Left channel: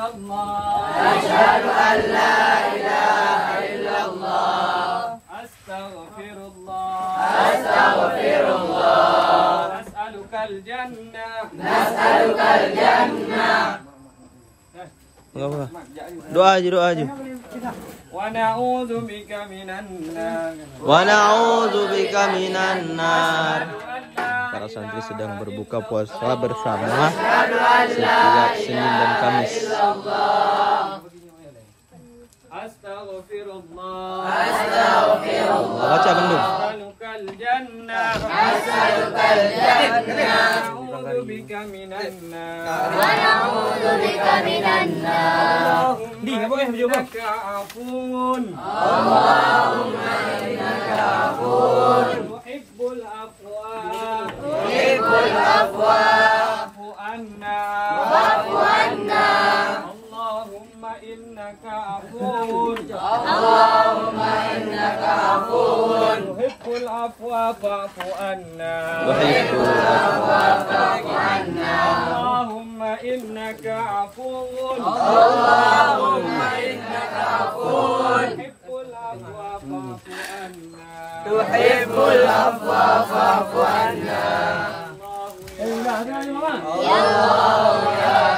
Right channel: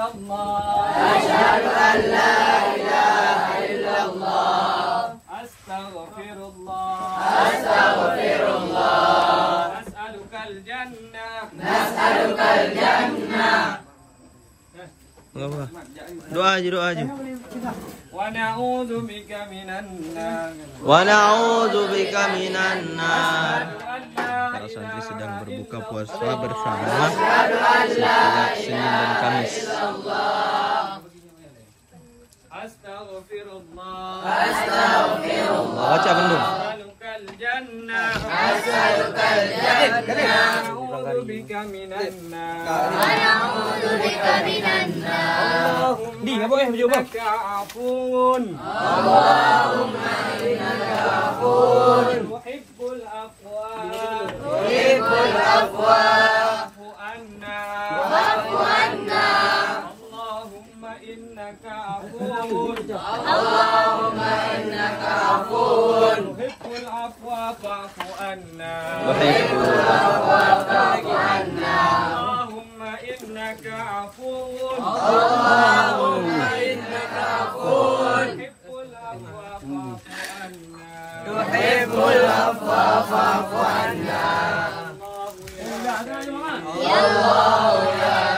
illallah. Asyhadu an la ilaha illallah. Astaghfirullah. Astaghfirullah. Nas'alukal jannah. Nas'alukal jannah. Doa aja. Wa na'udzu bika minan nar. Wa na'udzubika minan nar. Para santri sedang berbuka puasa bersama setiap Senin dan Kamis. Astaghfirullah. Astaghfirullah. Baca bendung. Nas'alukal jannah. Nas'alukal jannah. Na'udzu bika minan nar. Na'udzu bika minan nar. Innaka afun. Allahumma innaka afun. Tuhibbul afwa. Tuhibbul afwa. Wa'fu anna. Wa'fu anna. Allahumma innaka afun. Allahumma innaka afun. Tuhibbul afwa fa'fu anna. Tuhibbul afwa fa'fu anna. Allahumma innaka afun. Allahumma innaka afun. Tuhibbul afwa fa'fu anna. Tuhibbul afwa fa'fu anna. Ya Allah ya